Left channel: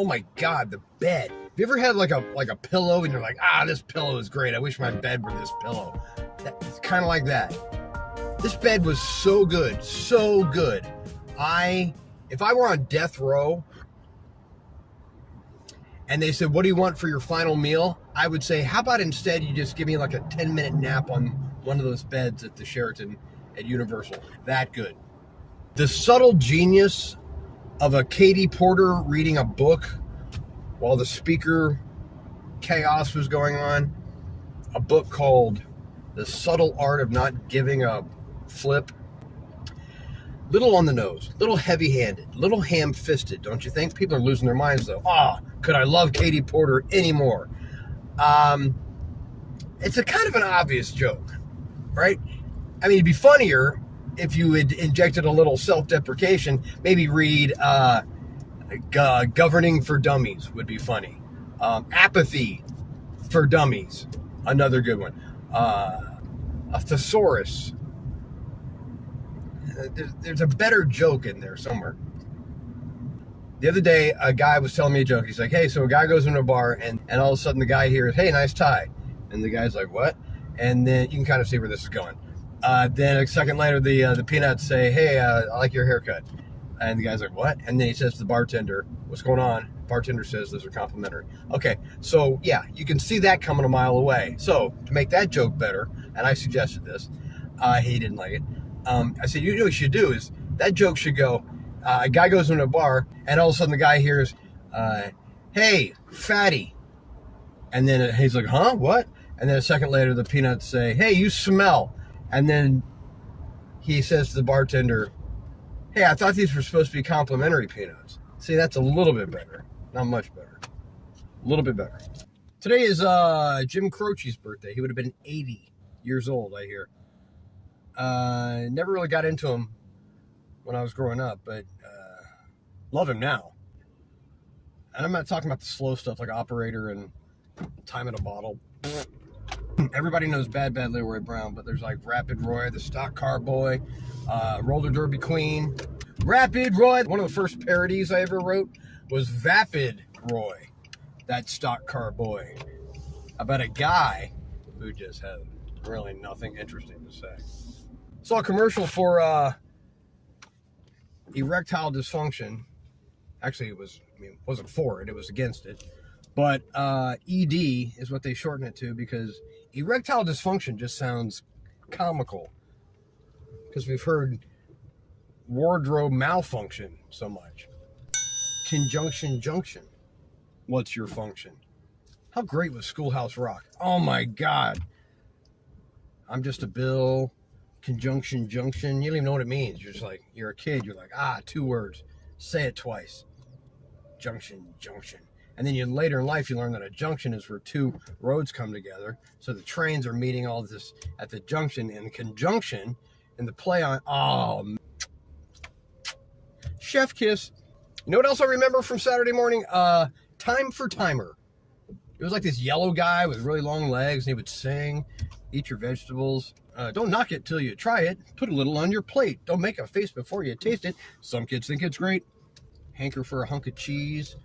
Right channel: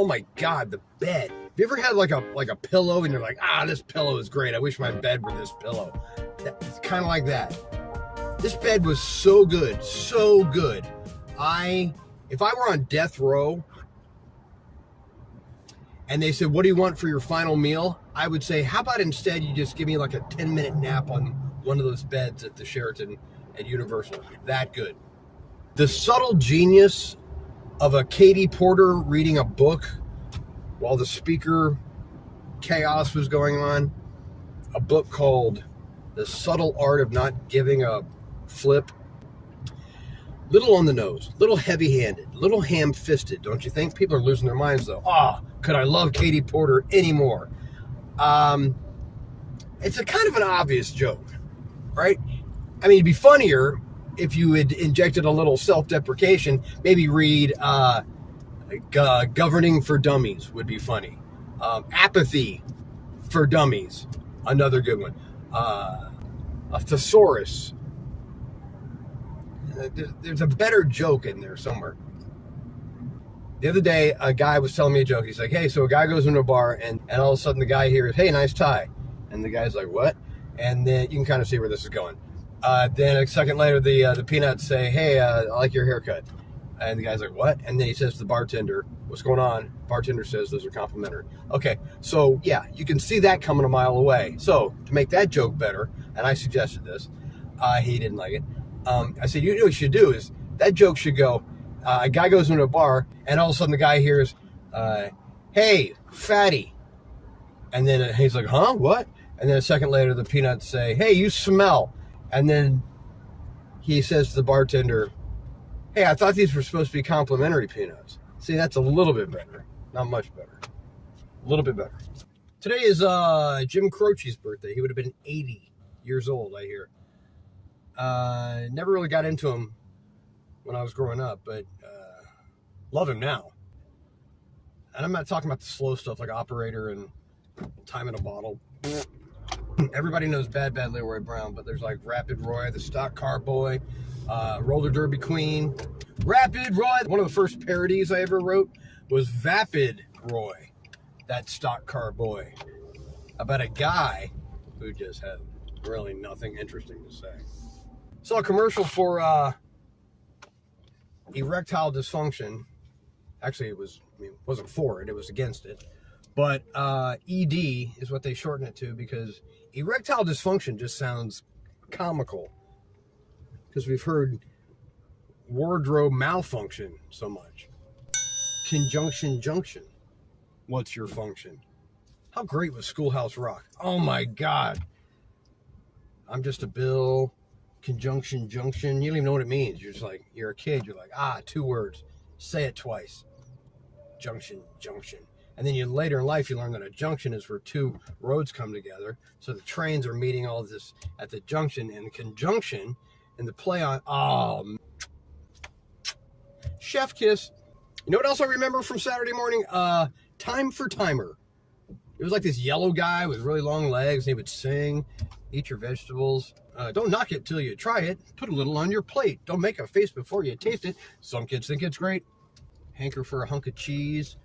Oh my God, the bed. Have you ever had like a pillow and you're like, this pillow is great. I wish my bed were this pillow. It's kind of like that. This bed was so good, so good. If I were on death row and they said, what do you want for your final meal? I would say, how about instead you just give me like a 10-minute nap on one of those beds at the Sheraton at Universal. That good. The subtle genius of a Katie Porter reading a book while the speaker chaos was going on. A book called The Subtle Art of Not Giving a Flip. Little on the nose, little heavy-handed, little ham-fisted, don't you think? People are losing their minds, though. Could I love Katie Porter anymore? It's a kind of an obvious joke, right? I mean, it'd be funnier if you had injected a little self-deprecation. Maybe read Governing for Dummies would be funny. Apathy for Dummies, another good one. A thesaurus. There's a better joke in there somewhere. The other day, a guy was telling me a joke. He's like, hey, so a guy goes into a bar, and all of a sudden the guy hears, hey, nice tie. And the guy's like, what? And then you can kind of see where this is going. Then a second later, the peanuts say, hey, I like your haircut. And the guy's like, what? And then he says to the bartender, what's going on? Bartender says, those are complimentary. Okay, so yeah, you can see that coming a mile away. So to make that joke better, and I suggested this, he didn't like it. I said, you know what you should do is, that joke should go, a guy goes into a bar, and all of a sudden the guy hears, hey, fatty. And then he's like, huh, what? And then a second later, the peanuts say, hey, you smell. And then he says to the bartender, hey, I thought these were supposed to be complimentary peanuts. See, that's a little bit better. Not much better. A little bit better. Today is Jim Croce's birthday. He would have been 80 years old, I hear. Never really got into him when I was growing up, but love him now. And I'm not talking about the slow stuff like Operator and Time in a Bottle. Everybody knows Bad Leroy Brown, but there's like Rapid Roy, the Stock Car Boy, Roller Derby Queen. Rapid Roy, one of the first parodies I ever wrote was Vapid Roy, that stock car boy, about a guy who just had really nothing interesting to say. Saw a commercial for erectile dysfunction. Actually, it wasn't for it, it was against it. But ED is what they shorten it to, because erectile dysfunction just sounds comical. Because we've heard wardrobe malfunction so much. Conjunction junction. What's your function? How great was Schoolhouse Rock? Oh my God. I'm just a bill. Conjunction junction. You don't even know what it means. You're just like, you're a kid. You're like, 2 words. Say it twice. Junction junction. And then later in life, you learn that a junction is where 2 roads come together. So the trains are meeting all of this at the junction, and the conjunction and the play on, chef kiss. You know what else I remember from Saturday morning? Time for Timer. It was like this yellow guy with really long legs, and he would sing, eat your vegetables. Don't knock it till you try it. Put a little on your plate. Don't make a face before you taste it. Some kids think it's great. Hanker for a hunk of cheese.